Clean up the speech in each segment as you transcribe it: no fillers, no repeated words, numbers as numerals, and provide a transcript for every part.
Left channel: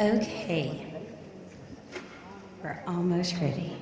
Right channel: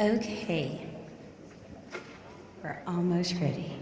Okay, we're almost ready.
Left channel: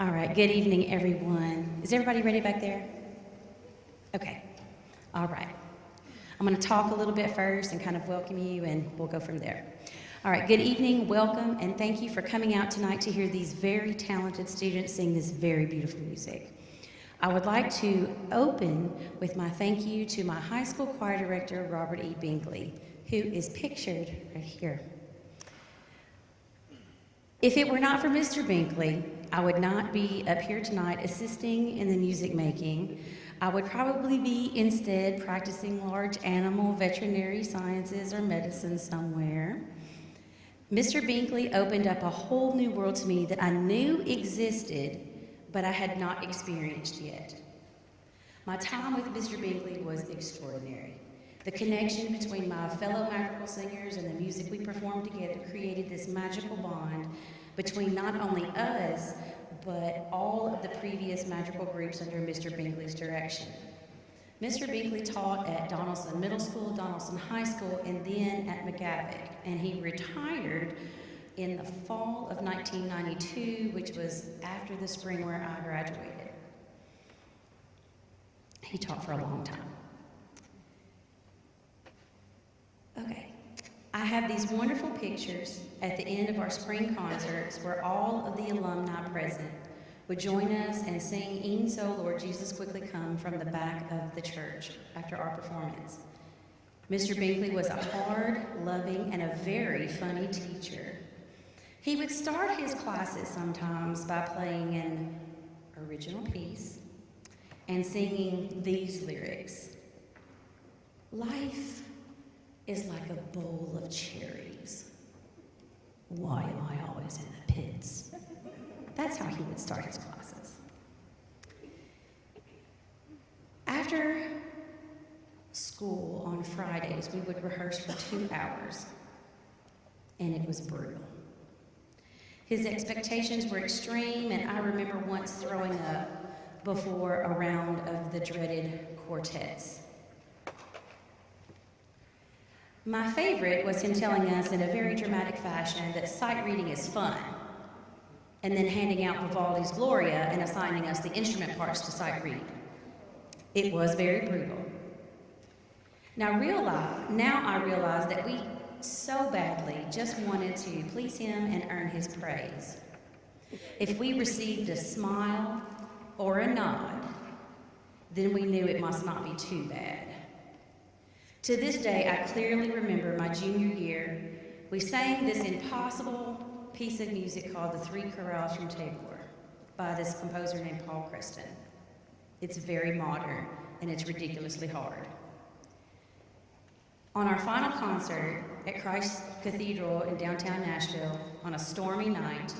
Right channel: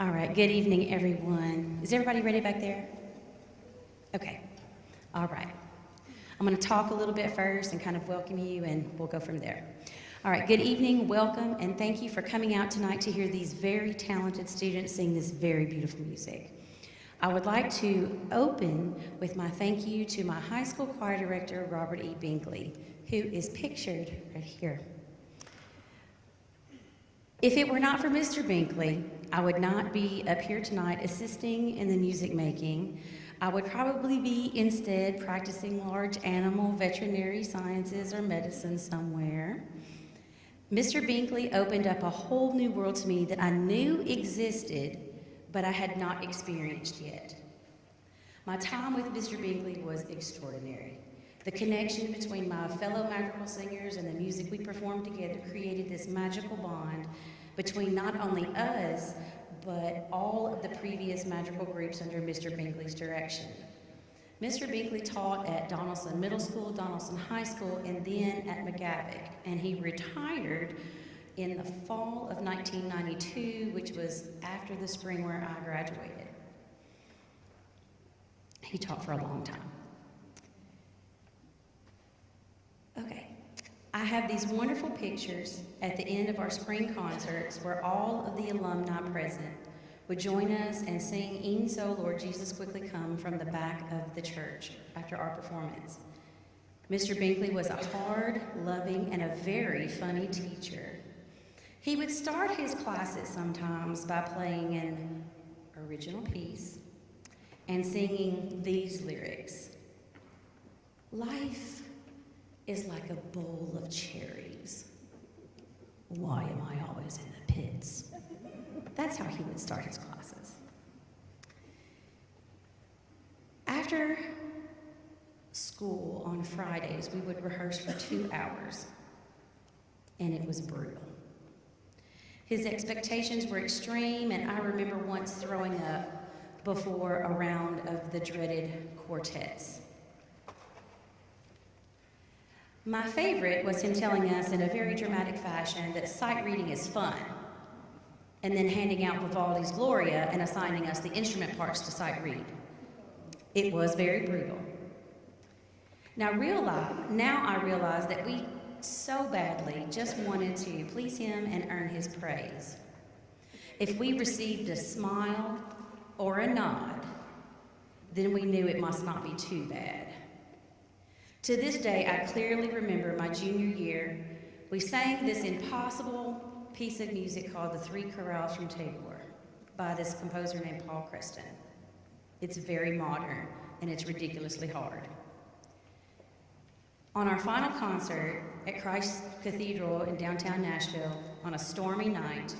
All right, good evening, everyone. Is everybody ready back there? Okay, all right. I'm going to talk a little bit first and kind of welcome you, and we'll go from there. All right, good evening, welcome, and thank you for coming out tonight to hear these very talented students sing this very beautiful music. I would like to open with my thank you to my high school choir director, Robert E. Binkley, who is pictured right here. If it were not for Mr. Binkley, I would not be up here tonight assisting in the music making. I would probably be instead practicing large animal veterinary sciences or medicine somewhere. Mr. Binkley opened up a whole new world to me that I knew existed, but I had not experienced yet. My time with Mr. Binkley was extraordinary. The connection between my fellow madrigal singers and the music we performed together created this magical bond between not only us, but all of the previous madrigal groups under Mr. Binkley's direction. Mr. Binkley taught at Donelson Middle School, Donelson High School, and then at McGavock, and he retired in the fall of 1992, which was after the spring where I graduated. He taught for a long time. Okay, I have these wonderful pictures at the end of our spring concerts where all of the alumni present would join us and sing E'en So, Lord Jesus Quickly Come from the back of the church after our performance. Mr. Binkley was a hard, loving, and a very funny teacher. He would start his classes sometimes by playing an original piece and singing these lyrics. Life is like a bowl of cherries. Why am I always in the pits? That's how he would start his classes. After school on Fridays, we would rehearse for 2 hours, and it was brutal. His expectations were extreme, and I remember once throwing up before a round of the dreaded quartets. My favorite was him telling us in a very dramatic fashion that sight reading is fun, and then handing out Vivaldi's Gloria and assigning us the instrument parts to sight read. It was very brutal. Now I realize that we so badly just wanted to please him and earn his praise. If we received a smile or a nod, then we knew it must not be too bad. To this day, I clearly remember my junior year. We sang this impossible piece of music called The Three Chorales from Tagore by this composer named Paul Creston. It's very modern, and it's ridiculously hard. On our final concert at Christ Cathedral in downtown Nashville on a stormy night,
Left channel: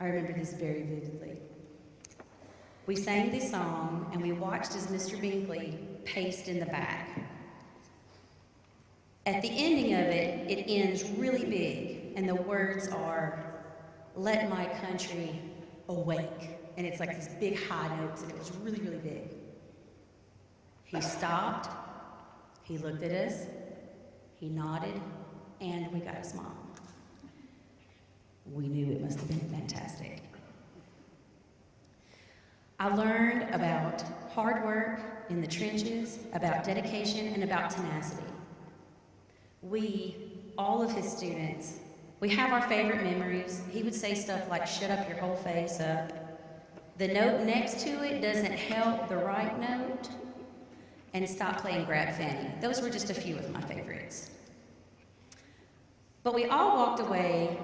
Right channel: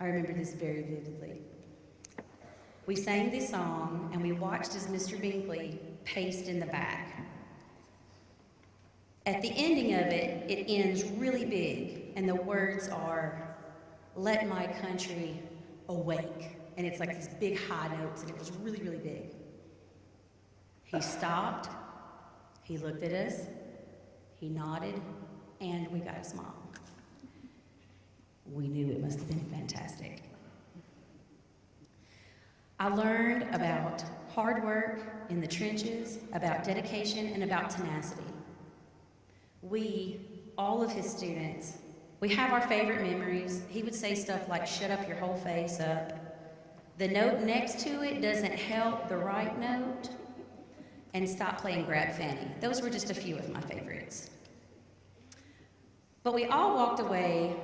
I remember this very vividly. We sang this song, and we watched as Mr. Binkley paced in the back. At the ending of it, it ends really big, and the words are, "Let my country awake." And it's like these big high notes, and it was really, really big. He stopped, he looked at us, he nodded, and we got a smile. We knew it must have been fantastic. I learned about hard work in the trenches, about dedication, and about tenacity. We, all of his students, We have our favorite memories. He would say stuff like, "Shut up your whole face up." "The note next to it doesn't help the right note," and "Stop playing grab Fanny." Those were just a few of my favorites. But we all walked away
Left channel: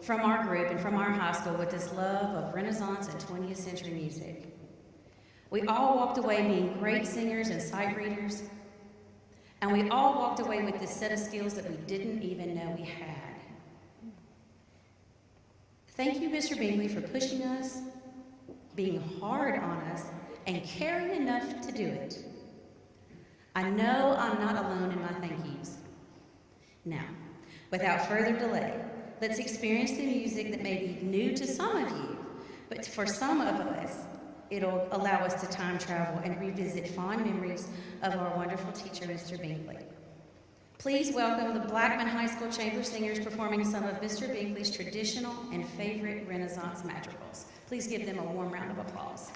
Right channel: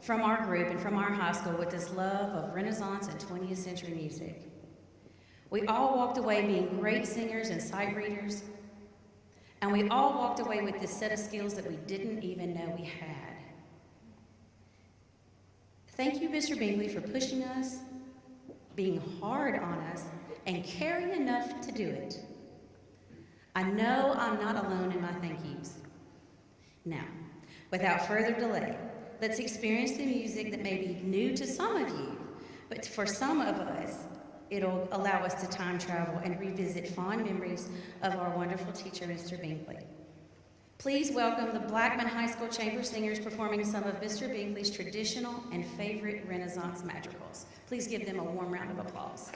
from our group and from our high school with this love of Renaissance and 20th century music. We all walked away being great singers and sight readers, and we all walked away with this set of skills that we didn't even know we had. Thank you, Mr. Binkley, for pushing us, being hard on us, and caring enough to do it. I know I'm not alone in my thank yous. Now, without further delay, let's experience the music that may be new to some of you, but for some of us, it'll allow us to time travel and revisit fond memories of our wonderful teacher, Mr. Binkley. Please welcome the Blackman High School Chamber Singers performing some of Mr. Binkley's traditional and favorite Renaissance madrigals. Please give them a warm round of applause.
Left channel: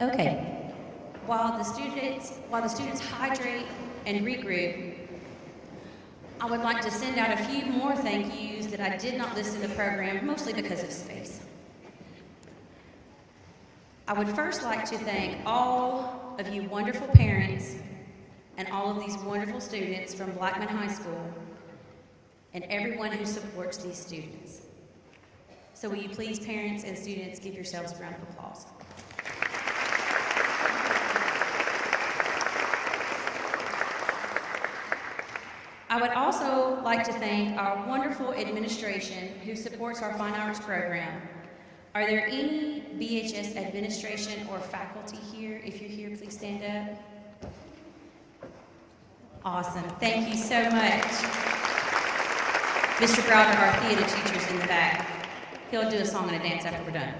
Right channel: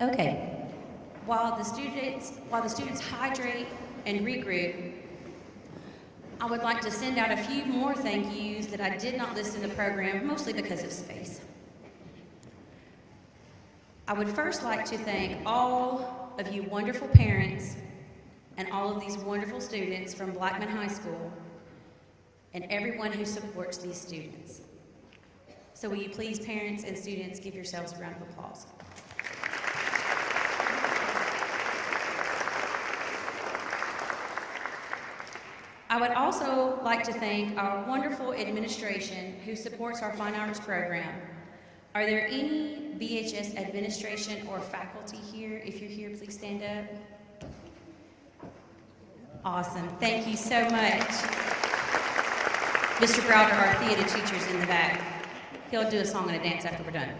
Okay, while the students hydrate and regroup, I would like to send out a few more thank yous that I did not list in the program, mostly because of space. I would first like to thank all of you wonderful parents and all of these wonderful students from Blackman High School and everyone who supports these students. So will you please, parents and students, give yourselves a round of applause. I would also like to thank our wonderful administration who supports our Fine Arts program. Are there any BHS administration or faculty here? If you're here, please stand up. Awesome, thank you so much. Mr. Browder, our theater teacher's in the back. He'll do a song and a dance after we're done.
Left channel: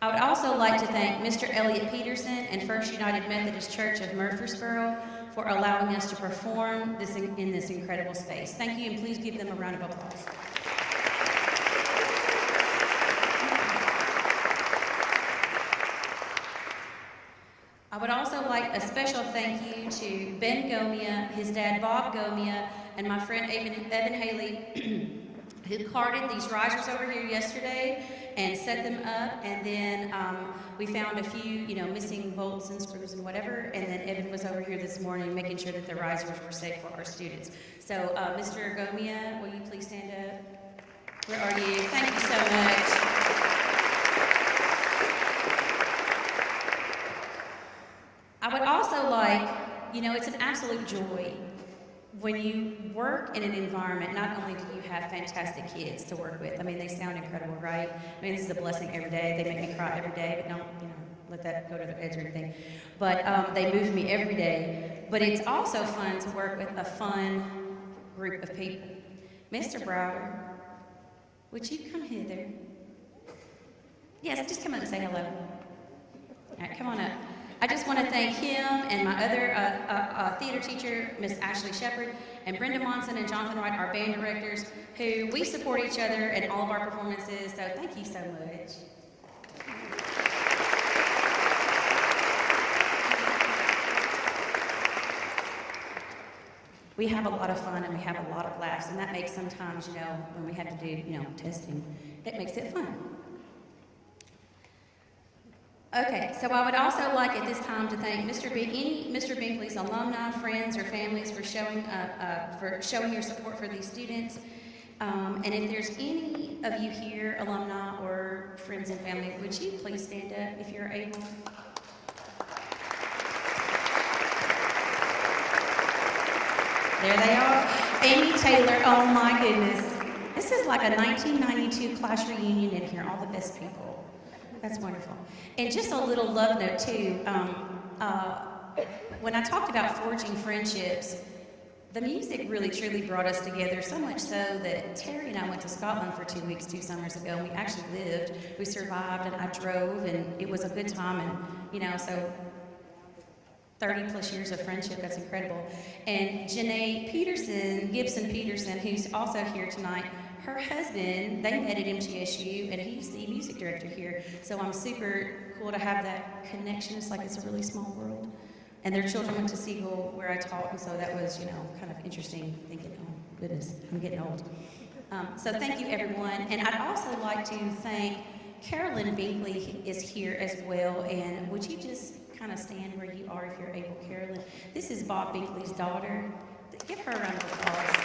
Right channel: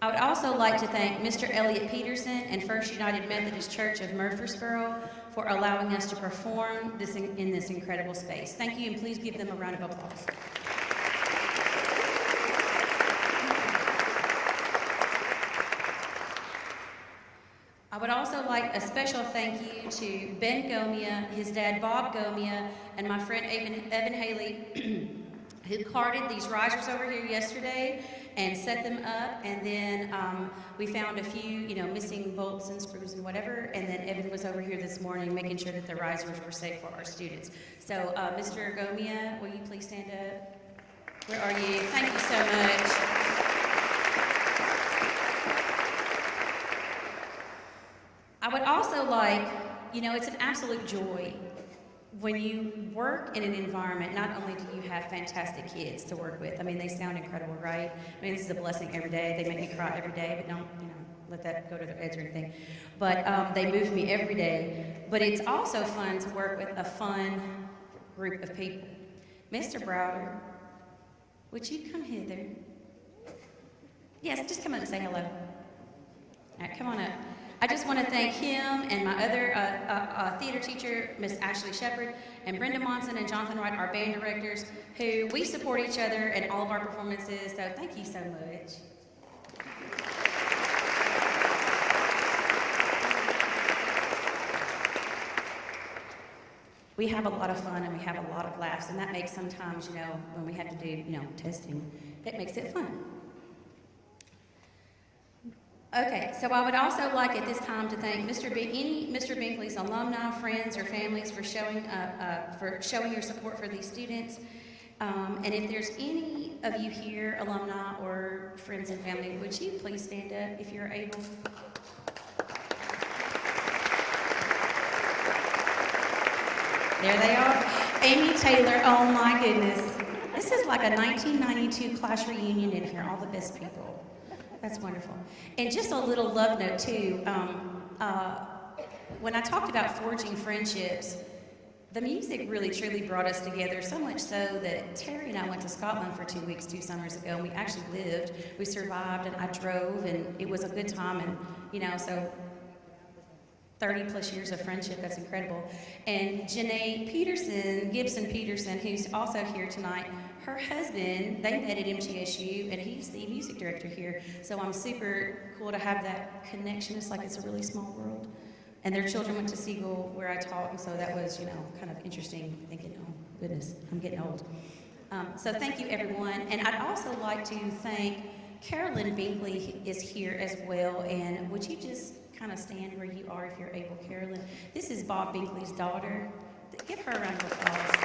I would also like to thank Mr. Elliott Peterson and First United Methodist Church of Murfreesboro for allowing us to perform in this incredible space. Thank you, and please give them a round of applause. I would also like a special thank you to Ben Gomia, his dad Bob Gomia, and my friend Evan Haley, who carted these risers over here yesterday and set them up, and then we found a few, missing bolts and screws and whatever, and then Evan was over here this morning making sure that the risers were safe for our students. So, Mr. Gomia, will you please stand up? Where are you? Thank you so much. I would also like, it's an absolute joy when you work in an environment. Not only do you have fantastic kids to work with, they sound incredible, right? This is a blessing every day. They make me cry every day, but don't, let that go to their heads or anything. But they move me every day. But it's also fun to work with a fun group of people. Mr. Browder, would you come hither? Yes, just come up and say hello. All right, come on up. I just want to thank him and my other theater teacher, Miss Ashley Shepard, and Brenda Monson and Jonathan Wright, our band directors, who we support each other in all of our performances, so thank you so much. We have a lot of fun and we have a lot of laughs, and that makes sometimes, when we have to do, testing, it makes it fun. Okay, so I would also like at this time to thank Mr. Binkley's alumni, friends, or families for showing your support for these students. And if there's any of you here, alumni or friends and family, would you please stand up if you're able? There they are. Amy Taylor, oh my goodness. This is like a 1992 class reunion in here, all the best people. That's wonderful. And just a little love note too, when I talked about forging friendships, the music really truly brought us together, so much so that Terry and I went to Scotland for 2 weeks, 2 summers ago, and we actually lived. We survived, and I drove, and it was a good time, and so 30 plus years of friendship, that's incredible. And Janae Gibson Peterson, who's also here tonight, her husband, they met at MTSU, and he's the music director here. So I'm super cool to have that connection. It's like it's a really small world. And their children went to Siegel where I taught, and so that was, kind of interesting, thinking, oh goodness, I'm getting old. So thank you, everyone. And I'd also like to thank Carolyn Bailey is here as well, and would you just kind of stand where you are if you're able, Carolyn? This is Bob Binkley's daughter. Give her a round of applause.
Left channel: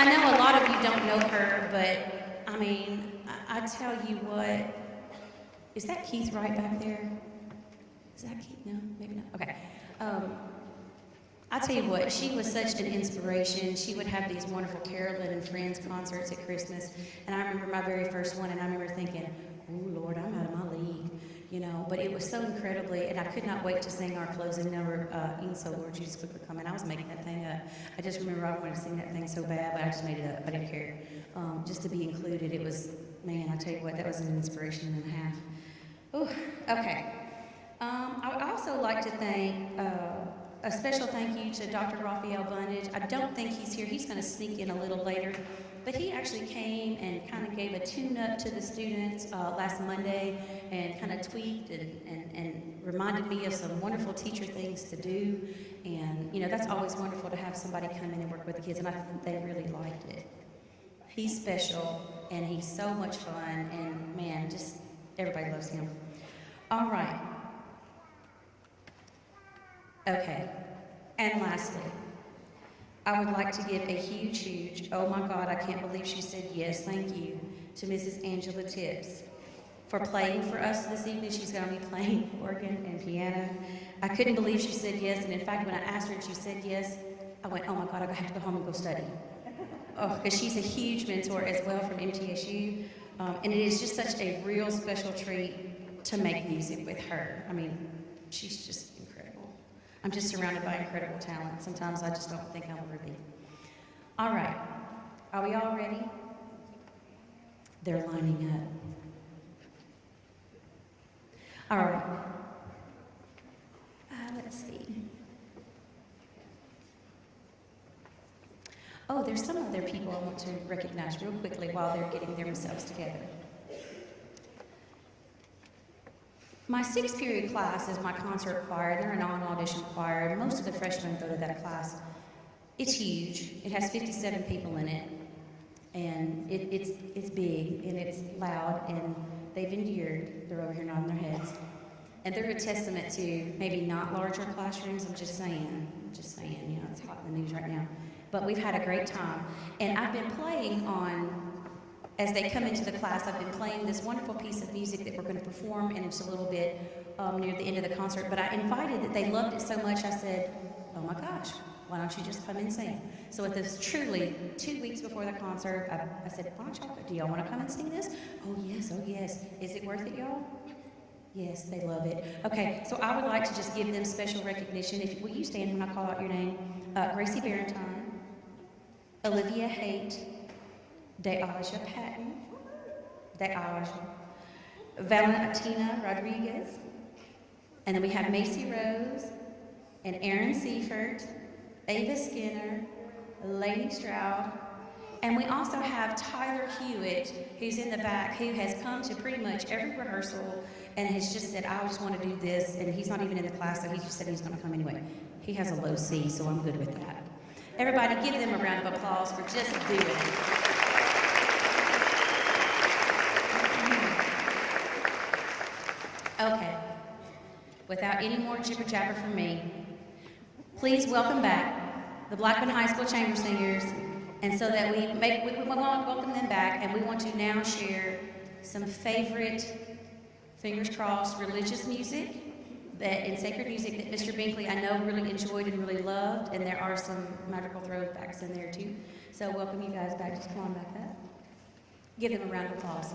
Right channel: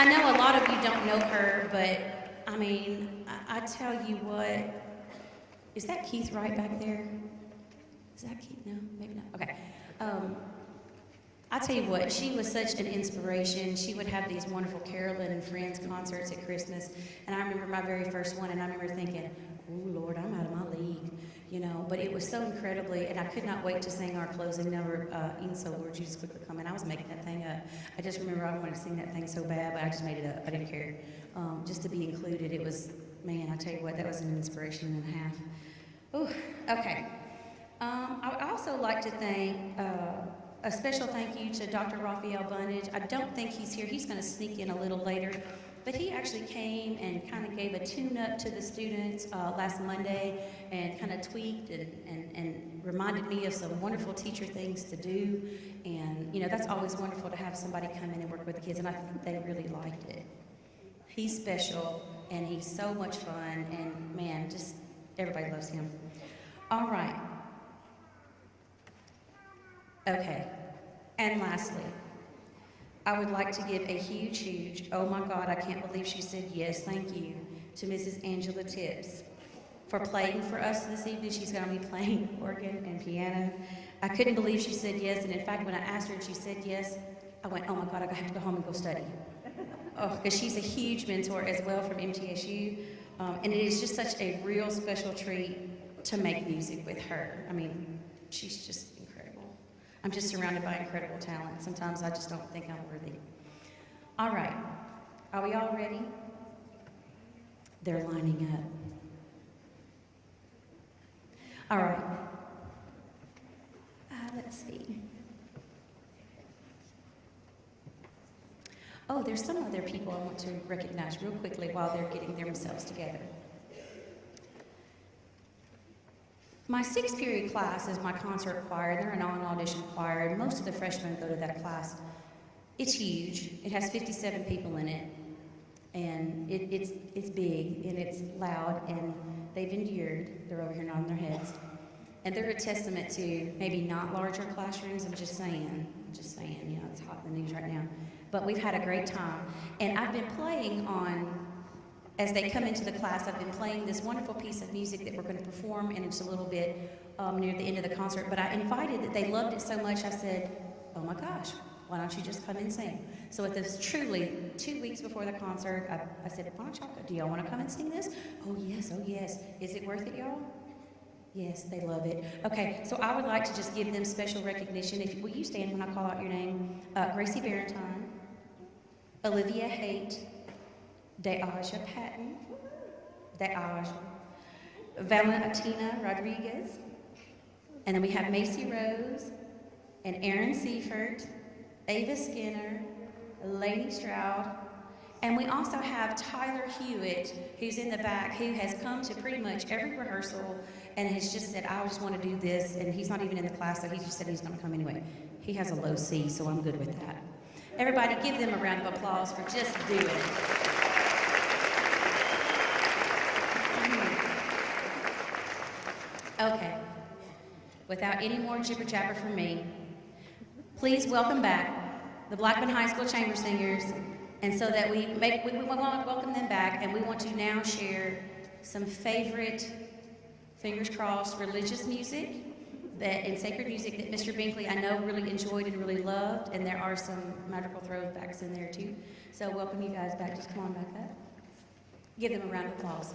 I know a lot of you don't know her, but I tell you what, is that Keith Wright back there? Is that Keith? No, maybe not. Okay. I tell you what, she was such an inspiration. She would have these wonderful Carolyn and Friends concerts at Christmas, and I remember my very first one, and I remember thinking, oh Lord, I'm out of my league, but it was so incredibly, and I could not wait to sing our closing number, Even So, Lord Jesus, quickly come. And I was making that thing up. I just remember I wanted to sing that thing so bad, but I just made it up. I didn't care. Just to be included, it was, man, I tell you what, that was an inspiration and a half. Oh, okay. I would also like to thank, a special thank you to Dr. Raphael Bundage. I don't think he's here. He's going to sneak in a little later. But he actually came and kind of gave a tune-up to the students last Monday and kind of tweaked and reminded me of some wonderful teacher things to do. And, you know, that's always wonderful to have somebody come in and work with the kids, and I think they really liked it. He's special, and he's so much fun, and man, just everybody loves him. All right. Okay. And lastly, I would like to give a huge, oh my God, I can't believe she said yes, thank you, to Mrs. Angela Tips for playing for us this evening. She's going to be playing organ and piano. I couldn't believe she said yes, and in fact, when I asked her and she said yes, I went, oh my God, I have to go home and go study. Oh, because she's a huge mentor as well from MTSU, and it is just such a real special treat to make music with her. I mean, she's just incredible. I'm just surrounded by incredible talent. Sometimes I just don't think I'm worthy. All right, are we all ready? They're lining up. All right, let's see. Oh, there's some other people I want to recognize real quickly while they're getting themselves together. My 6th period class is my concert choir. They're a non-audition choir, and most of the freshmen go to that class. It's huge. It has 57 people in it, and it's big, and it's loud, and they've endured. They're over here nodding their heads. And they're a testament to maybe not larger classrooms. I'm just saying, you know, it's hot in the news right now. But we've had a great time. And I've been playing as they come into the class, I've been playing this wonderful piece of music that we're going to perform in just a little bit near the end of the concert. But I invited that they loved it so much, I said, oh my gosh, why don't you just come and sing? So it was truly 2 weeks before the concert, I said, why don't y'all, do y'all want to come and sing this? Oh yes, oh yes. Is it worth it, y'all? Yes, they love it. Okay, so I would like to just give them special recognition. Will you stand when I call out your name? Gracie Barentine, Olivia Haight, Deaja Patton, Valentina Rodriguez, and then we have Macy Rose, and Aaron Seifert, Ava Skinner, Lainey Stroud, and we also have Tyler Hewitt, who's in the back, who has come to pretty much every rehearsal and has just said, I just want to do this, and he's not even in the class, so he just said he's going to come anyway. He has a low C, so I'm good with that. Everybody give them a round of applause for just doing it. Okay, without any more jibber jabber from me, please welcome back the Blackman High School Chamber Singers. And so that we want to welcome them back, and we want to now share some favorite, fingers crossed, religious music and sacred music that Mr. Binkley I know really enjoyed and really loved, and there are some magical throwbacks in there too. So welcome you guys back. Just come on back up. Give them a round of applause.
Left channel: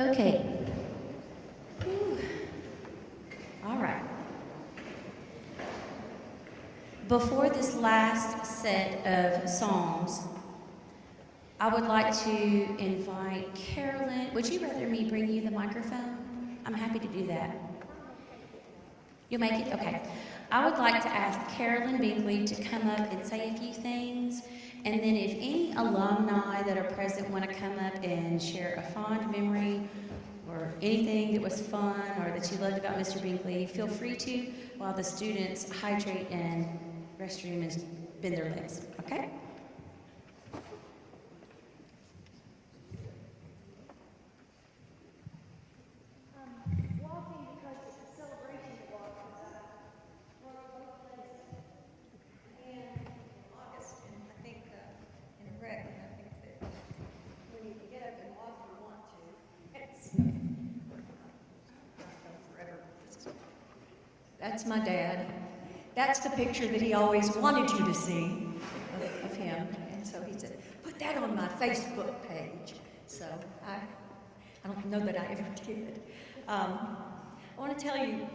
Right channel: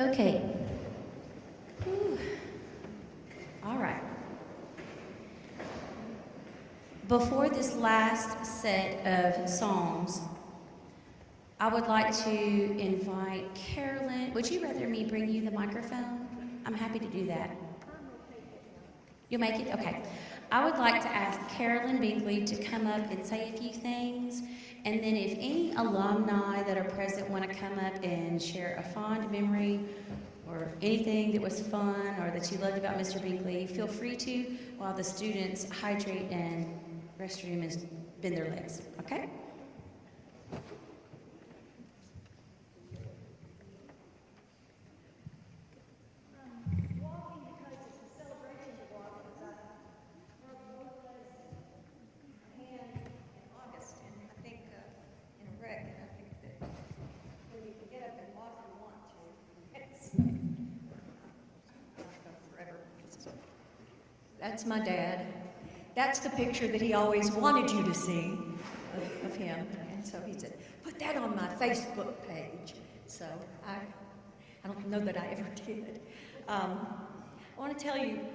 Okay. Whew. All right. Before this last set of songs, I would like to invite Carolyn. Would you rather me bring you the microphone? I'm happy to do that. You'll make it? Okay. I would like to ask Carolyn Binkley to come up and say a few things. And then if any alumni that are present want to come up and share a fond memory or anything that was fun or that you loved about Mr. Binkley, feel free to while the students hydrate and restroom and bend their legs. Okay? That's my dad. That's the picture that he always wanted you to see of him. And so he said, put that on my Facebook page. So I don't know that I ever did. I want to tell you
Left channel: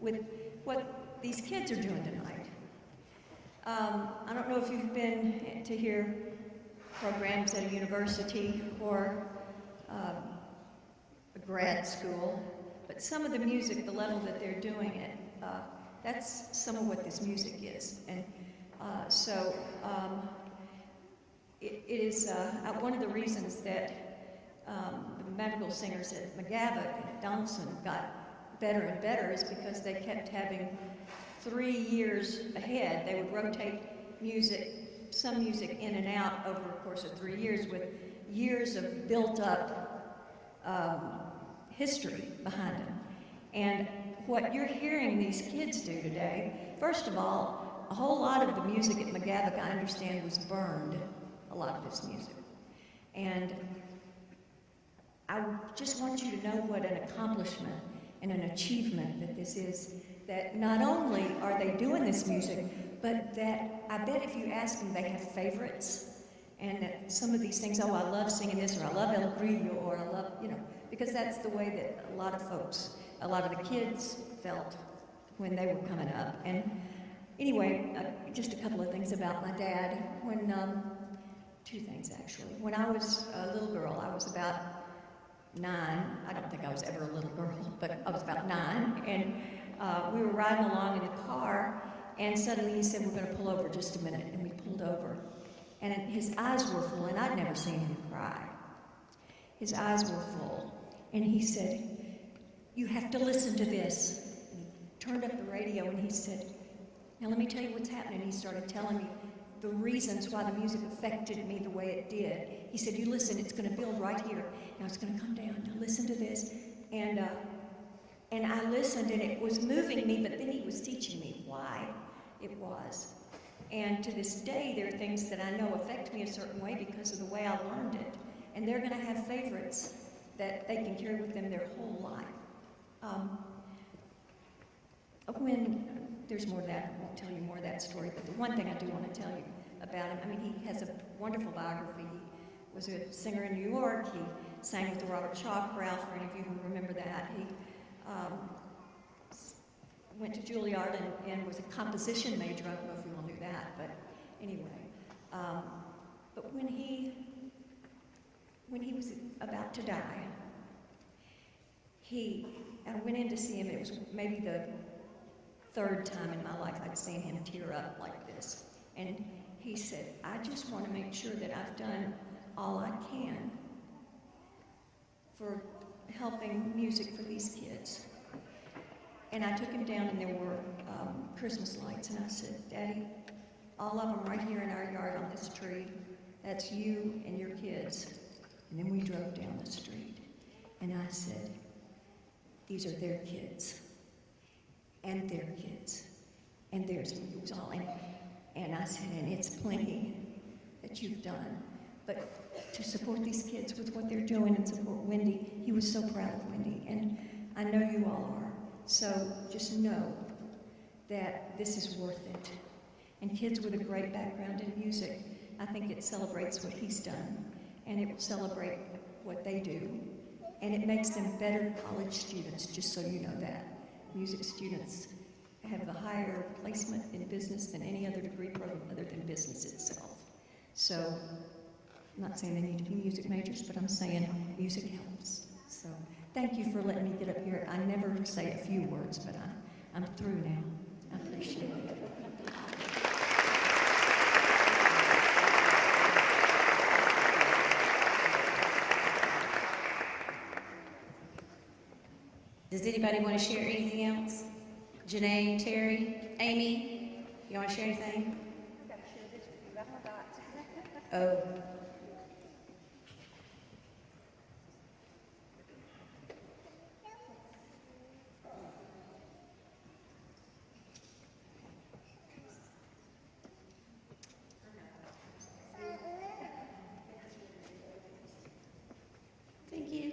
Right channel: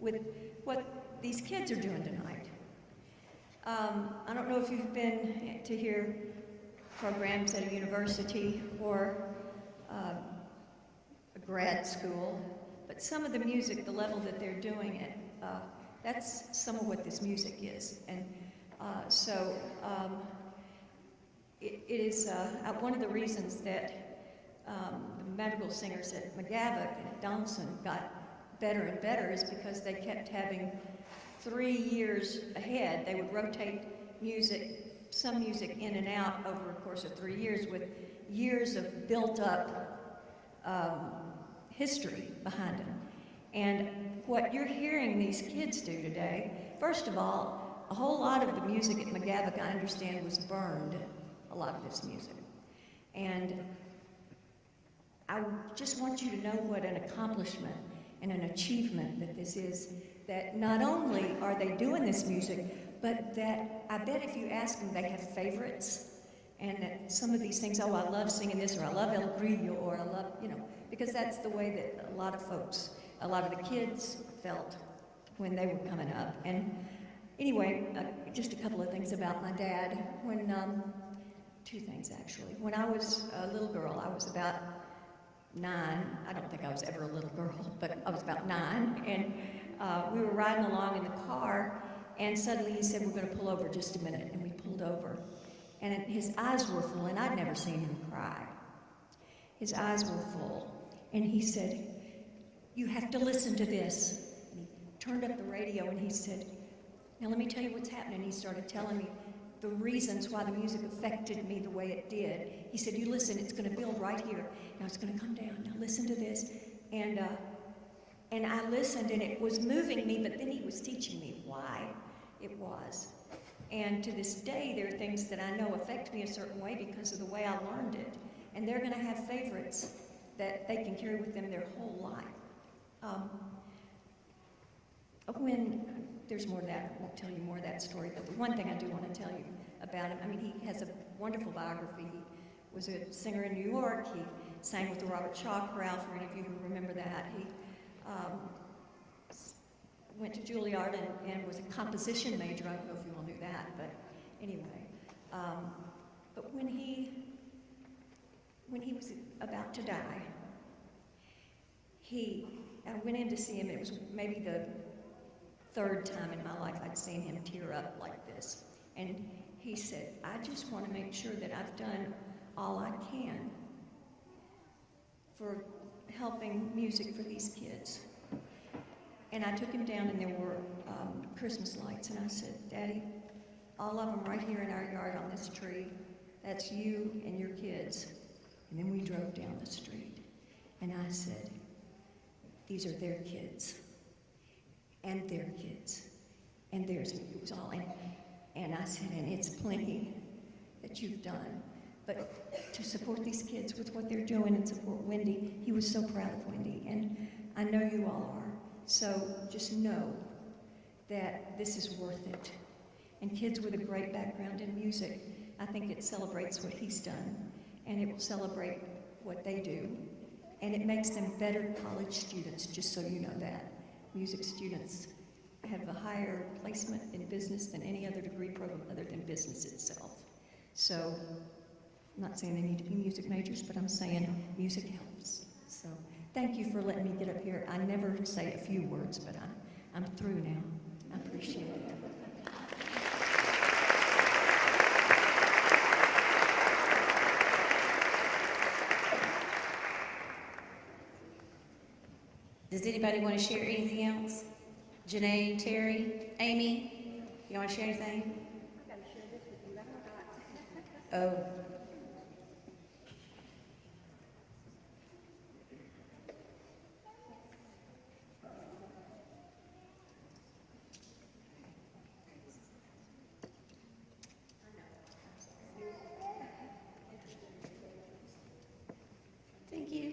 with what these kids are doing tonight. I don't know if you've been to hear programs at a university or a grad school, but some of the music, the level that they're doing it, that's some of what this music is. And it is one of the reasons that the madrigal singers at McGavock and at Donelson got better and better is because they kept having 3 years ahead. They would rotate some music in and out over a course of 3 years with years of built-up history behind them. And what you're hearing these kids do today, first of all, a whole lot of the music at McGavock, I understand, was burned, a lot of this music. And I just want you to know what an accomplishment and an achievement that this is, that not only are they doing this music, but that I bet if you ask them, they have favorites, and that some of these things, oh, I love singing this, or I love El Grillo, or I love, because that's the way that a lot of folks, a lot of the kids felt when they were coming up. And anyway, just a couple of things about my dad. Two things actually. When I was a little girl, I was about 9. I don't think I was ever a little girl, but I was about 9. And we were riding along in the car, and suddenly he said, we're going to pull over just a minute. And we pulled over. And his eyes were full, and I'd never seen him cry. His eyes were full. And he said, you have to listen to this. And he turned up the radio and he said, now let me tell you what's happening. He started telling me the reasons why the music affected me the way it did. He said, you listen, it's going to build right here. Now it's going to come down. Now listen to this. And I listened, and it was moving me, but then he was teaching me why it was. And to this day, there are things that I know affect me a certain way because of the way I learned it. And they're going to have favorites that they can carry with them their whole life. There's more of that, I won't tell you more of that story, but the one thing I do want to tell you about him, he has a wonderful biography. He was a singer in New York. He sang with the Robert Shaw Chorale, for any of you who remember that. He went to Juilliard and was a composition major. I don't know if you all knew that, but anyway. But when he was about to die, I went in to see him. It was maybe the 3rd time in my life I'd seen him tear up like this. And he said, I just want to make sure that I've done all I can for helping music for these kids. And I took him down, and there were Christmas lights, and I said, Daddy, all of them right here in our yard on this tree, that's you and your kids. And then we drove down the street, and I said, these are their kids, and their kids, and theirs. It was all, and I said, and it's plenty that you've done. But to support these kids with what they're doing and support Wendy, he was so proud of Wendy, and I know you all are. So just know that this is worth it. And kids with a great background in music, I think it celebrates what he's done, and it will celebrate what they do. and it makes them better college students, just so you know that. Music students have a higher placement in business than any other degree program other than business itself. So, I'm not saying they need to be music majors, but I'm saying music helps. So, thank you for letting me get up here. I never say a few words, but I'm through now. I appreciate it. Does anybody want to share anything else? Janae, Terry, Amy, you want to share anything? I've got to share this with you. I forgot. Oh. Thank you.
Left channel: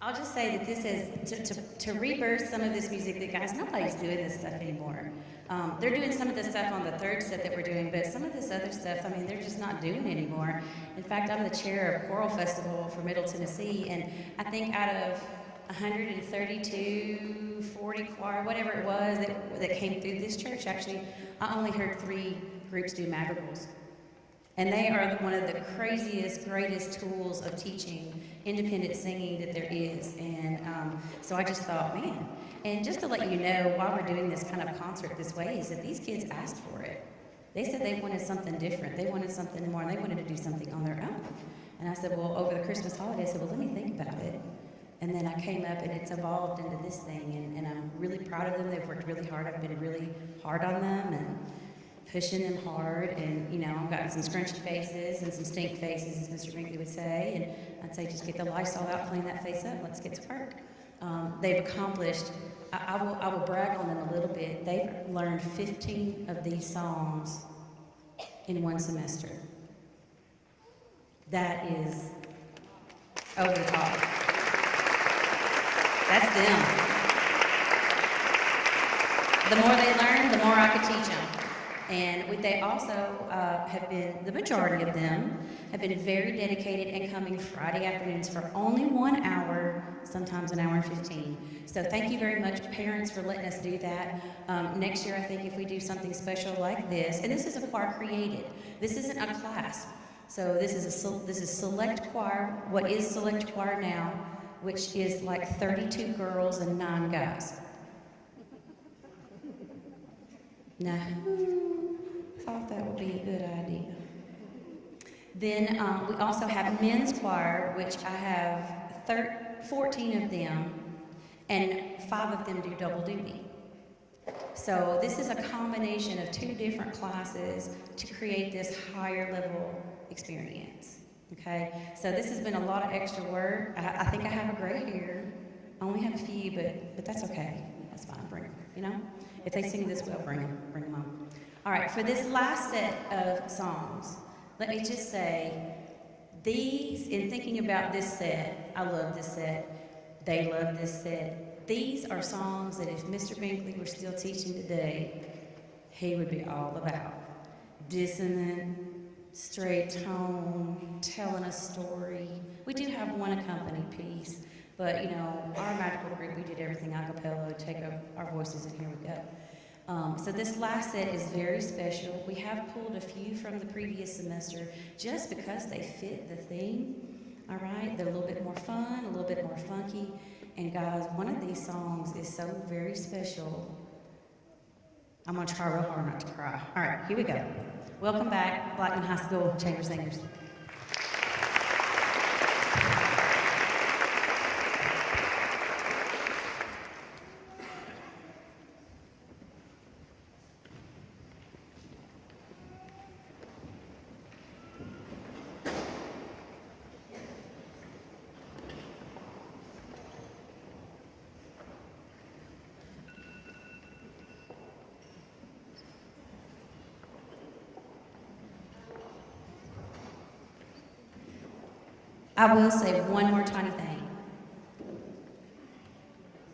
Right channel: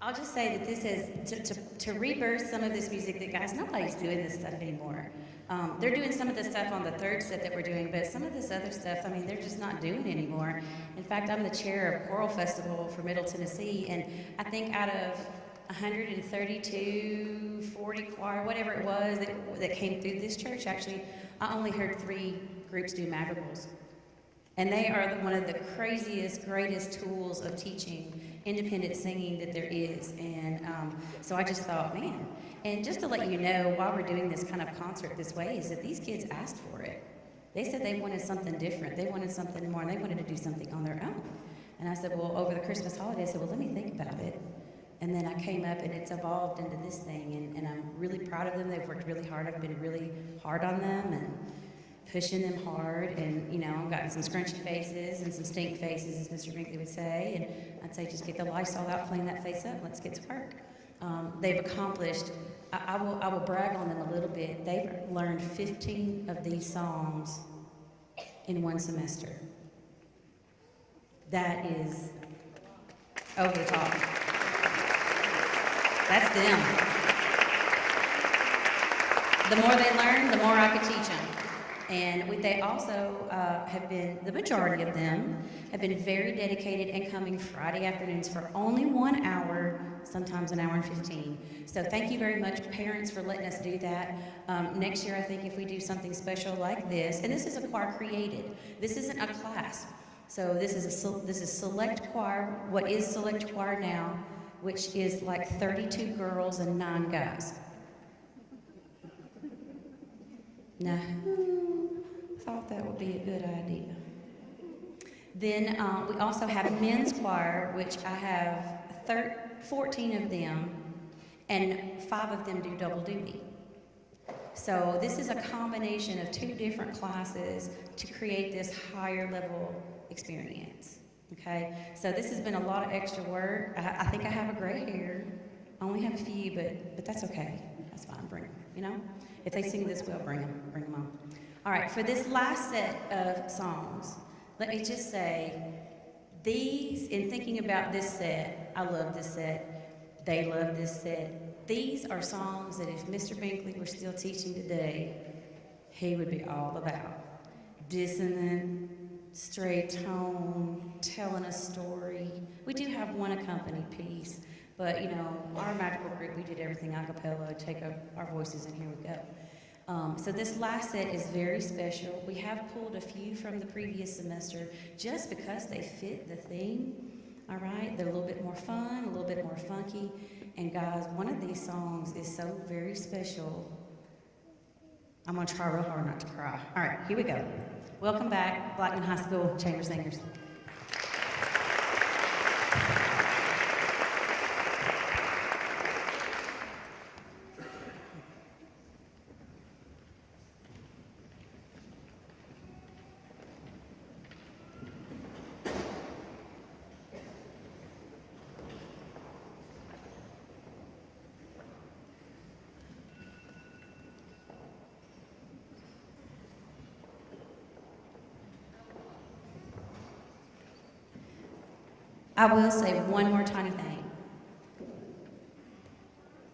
I'll just say that this is to rebirth some of this music that, guys, nobody's doing this stuff anymore. They're doing some of the stuff on the third set that we're doing, but some of this other stuff, I mean, they're just not doing anymore. In fact, I'm the chair of Choral Festival for Middle Tennessee, and I think out of 132, 40 choir, whatever it was that came through this church, actually, I only heard 3 groups do madrigals. And they are one of the craziest, greatest tools of teaching independent singing that there is. And so I just thought, man. And just to let you know, why we're doing this kind of concert this way is that these kids asked for it. They said they wanted something different. They wanted something more, and they wanted to do something on their own. And I said, well, over the Christmas holidays, I said, well, let me think about it. And then I came up, and it's evolved into this thing. And I'm really proud of them. They've worked really hard. I've been really hard on them and pushing them hard, and you know, I've gotten some scrunchy faces and some stink faces, as Mr. Binkley would say, and I'd say just get the Lysol out, clean that face up, let's get to work. They've accomplished, I will brag on them a little bit, they've learned 15 of these songs in 1 semester. That is over the top. That's them. The more they learn, the more I could teach them. And they also have been, the majority of them, have been very dedicated and coming Friday afternoons for only 1 hour, sometimes 1 hour and 15. So thank you very much, parents, for letting us do that. Next year, I think if we do something special like this, and this is a choir created. This isn't a class. So this is select choir, what is select choir now, which is like 32 girls and 9 guys. Now, who thought that would be a good idea? Then we also have men's choir, which I have 14 of them, and 5 of them do double duty. So this is a combination of 2 different classes to create this higher level experience, okay? So this has been a lot of extra work. I think I have a gray hair. I only have a few, but that's okay. That's fine, bring them, you know? If they sing this well, bring them on. All right, for this last set of songs, let me just say, these, in thinking about this set, I love this set, they love this set. These are songs that if Mr. Binkley were still teaching today, he would be all about. Dissonant, straight tone, telling a story. We do have one accompanied piece, but you know, our magical group, we did everything a cappella, take our voices, and here we go. So this last set is very special. We have pulled a few from the previous semester just because they fit the theme, all right? They're a little bit more fun, a little bit more funky. And guys, one of these songs is so very special. I'm gonna try real hard not to cry. All right, here we go. Welcome back, Blackman High School Chamber Singers. I will say one more tiny thing.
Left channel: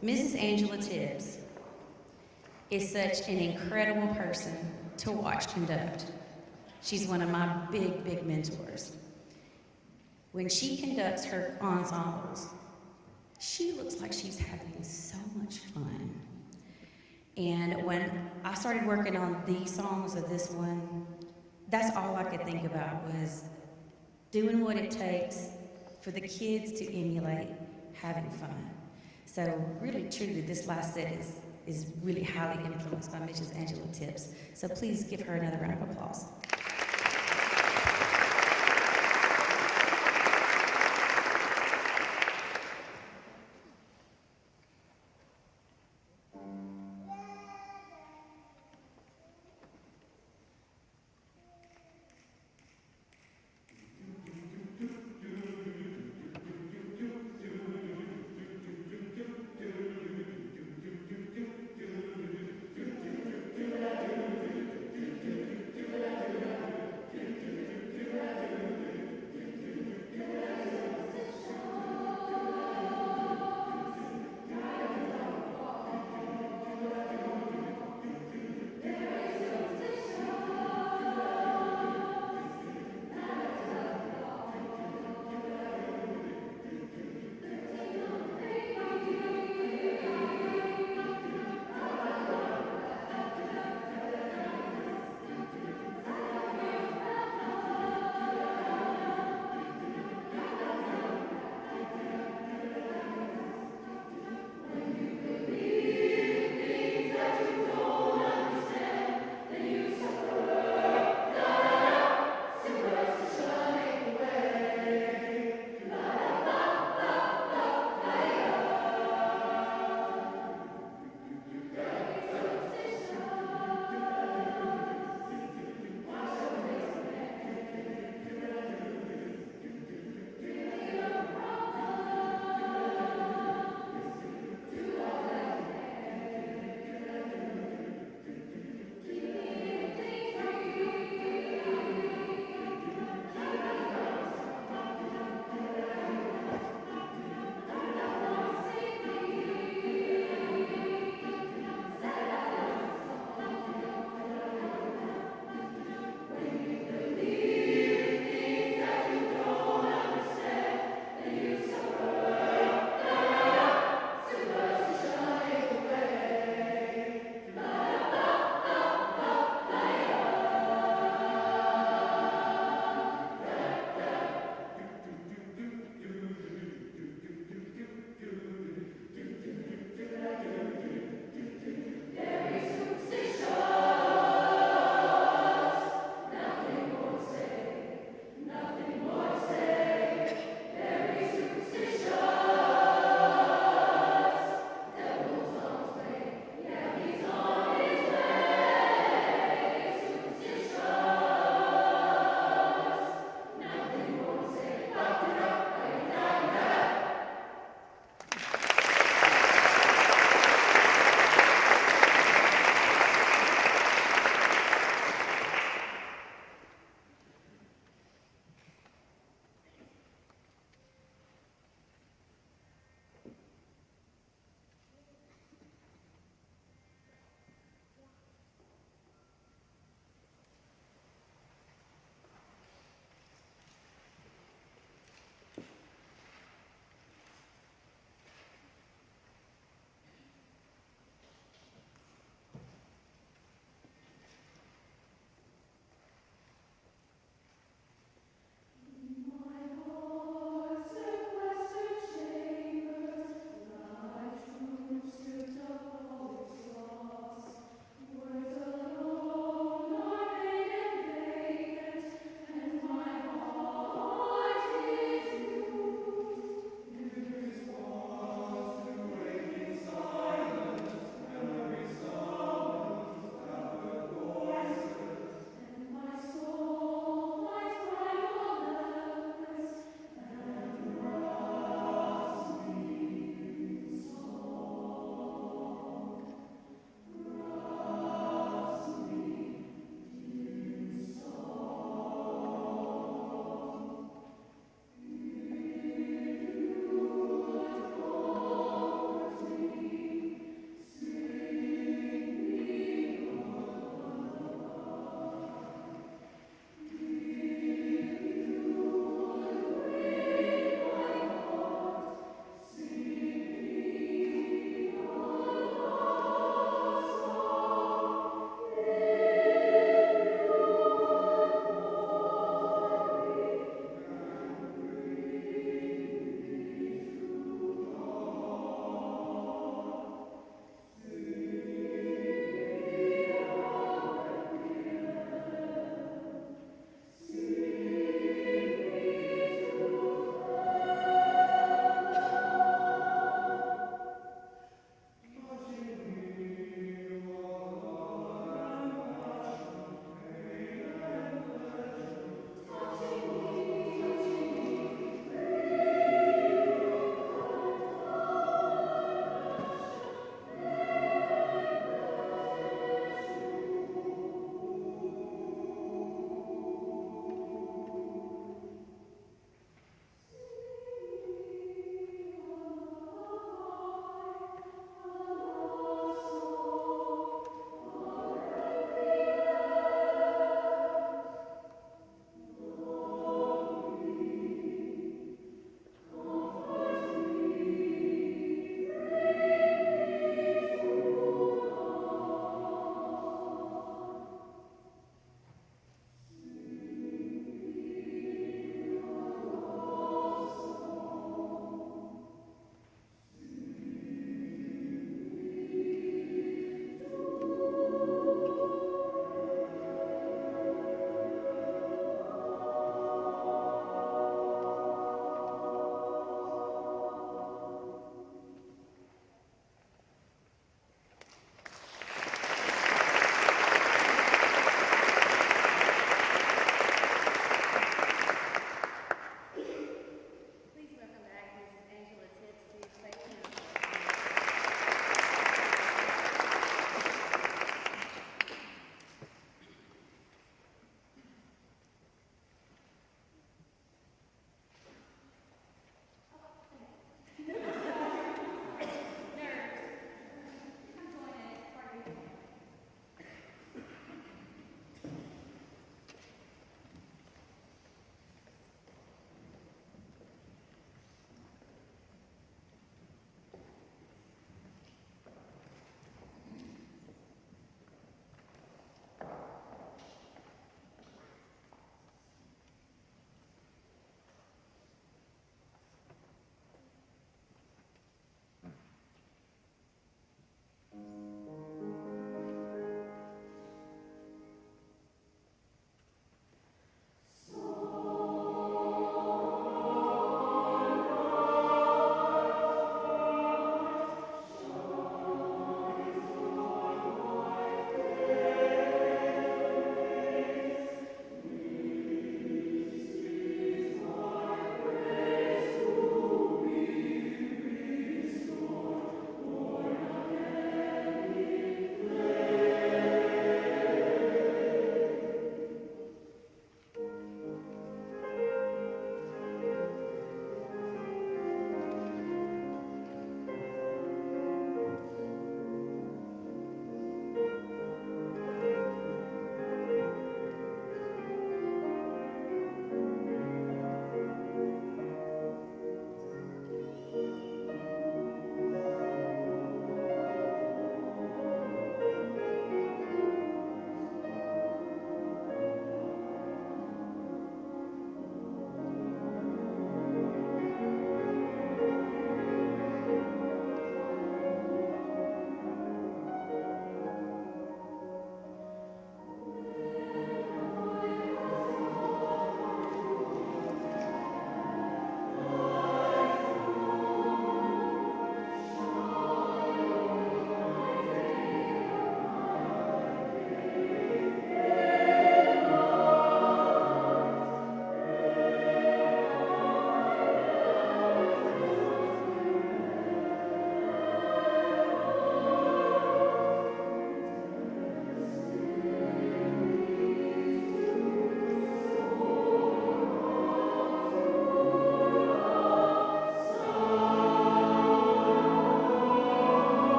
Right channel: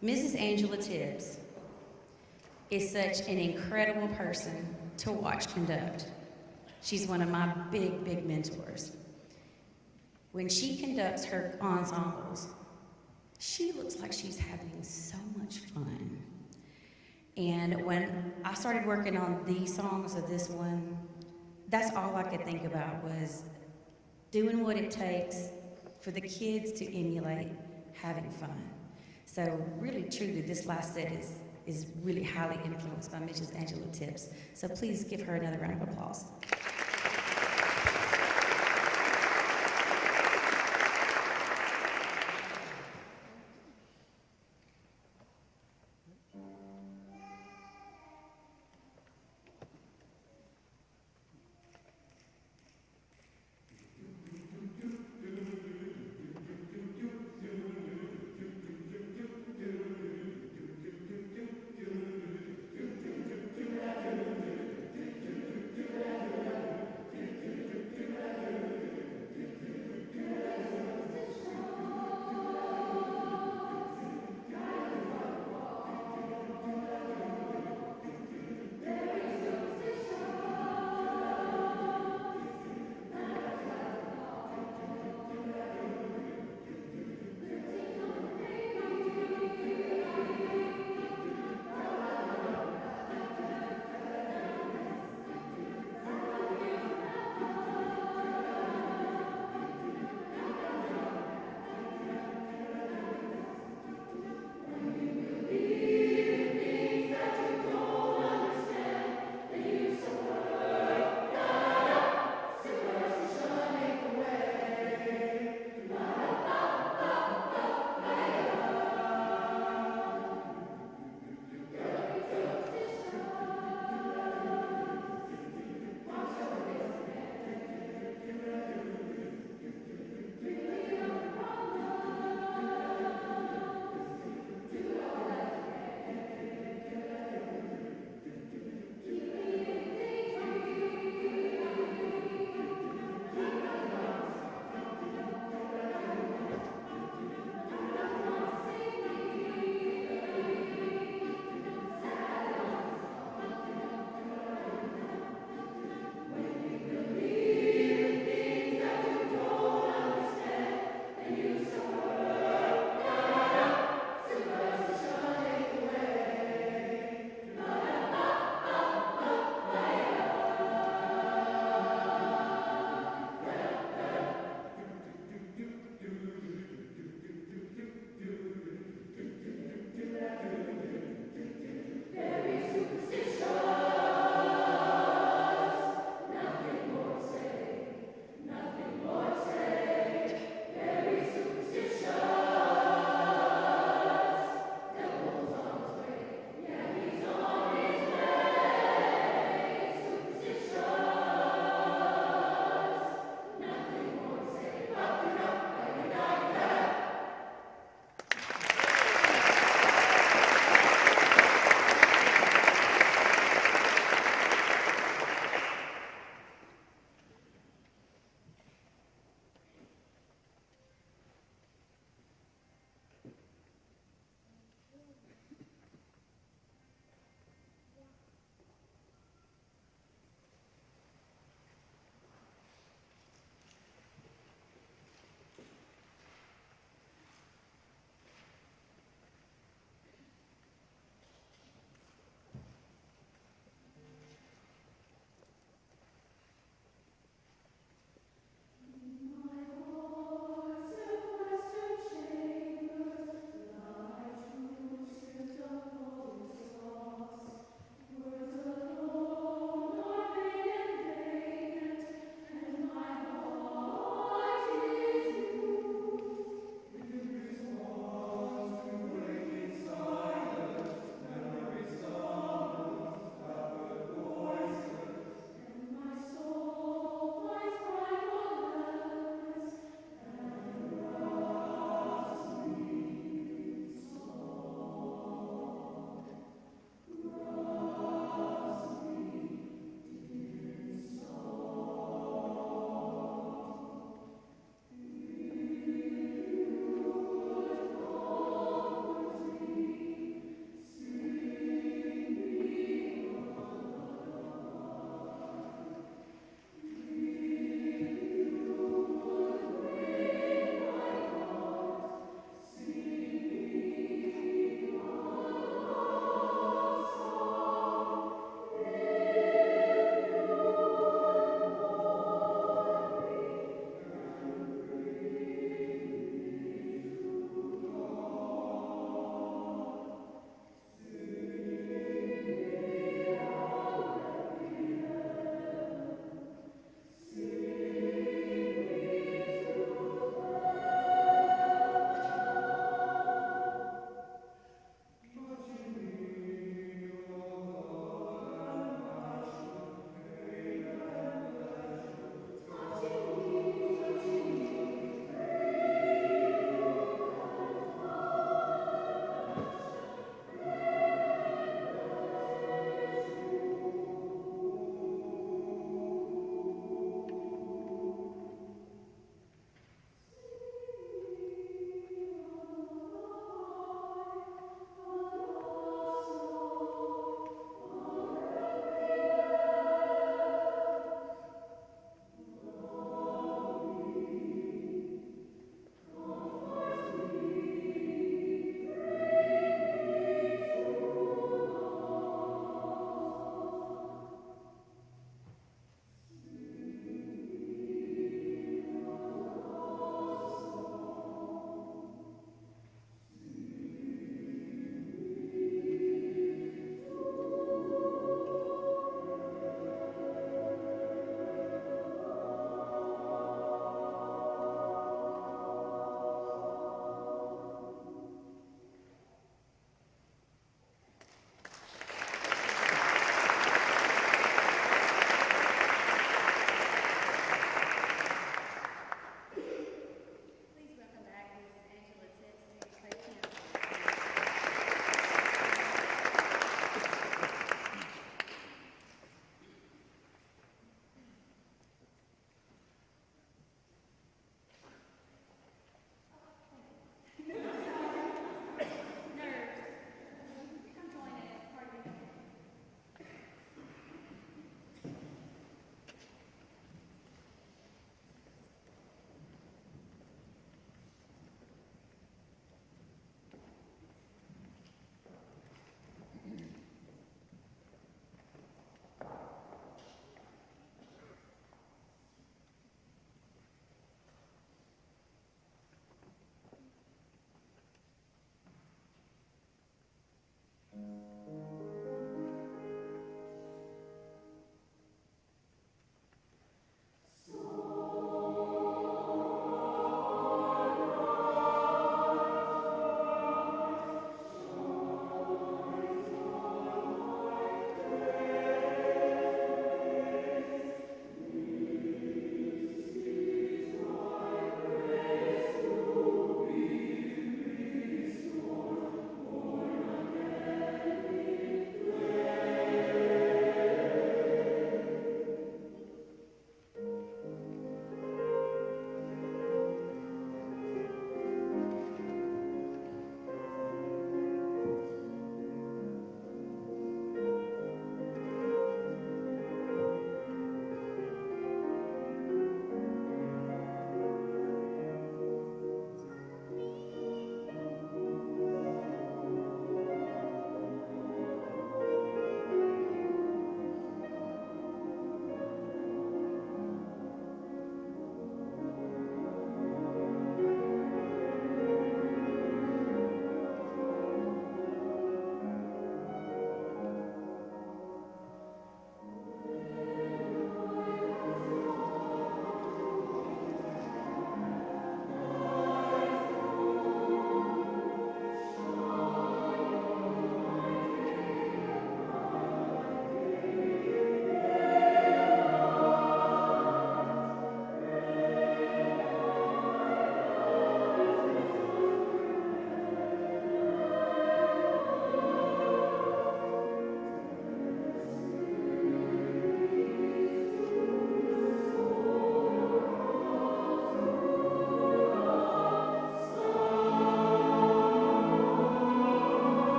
Mrs. Angela Tibbs is such an incredible person to watch conduct. She's one of my big, big mentors. When she conducts her ensembles, she looks like she's having so much fun. And when I started working on these songs or this one, that's all I could think about was doing what it takes for the kids to emulate having fun. So really, truly, this last set is really highly influenced by Mrs. Angela Tips. So please give her another round of applause.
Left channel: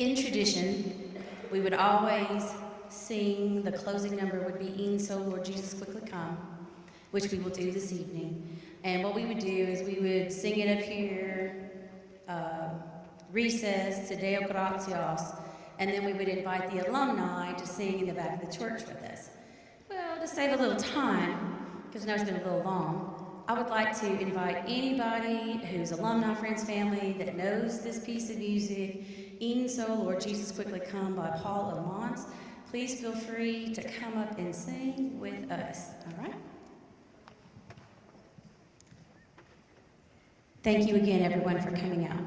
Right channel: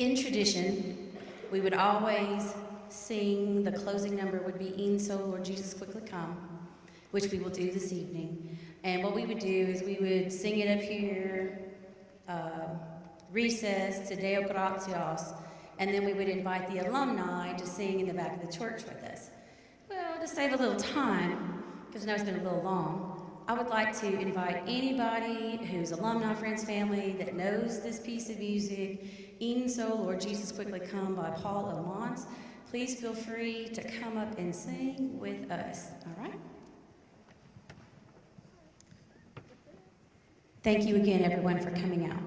In tradition, we would always sing, the closing number would be "In So Lord Jesus Quickly Come," which we will do this evening. And what we would do is we would sing it up here, recess to Deo Gratias, and then we would invite the alumni to sing in the back of the church with us. Well, to save a little time, because I know it's been a little long, I would like to invite anybody who's alumni, friends, family that knows this piece of music, "In So Lord Jesus Quickly Come" by Paul Lamont. Please feel free to come up and sing with us, all right? Thank you again, everyone, for coming out.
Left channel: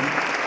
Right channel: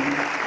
Thank you.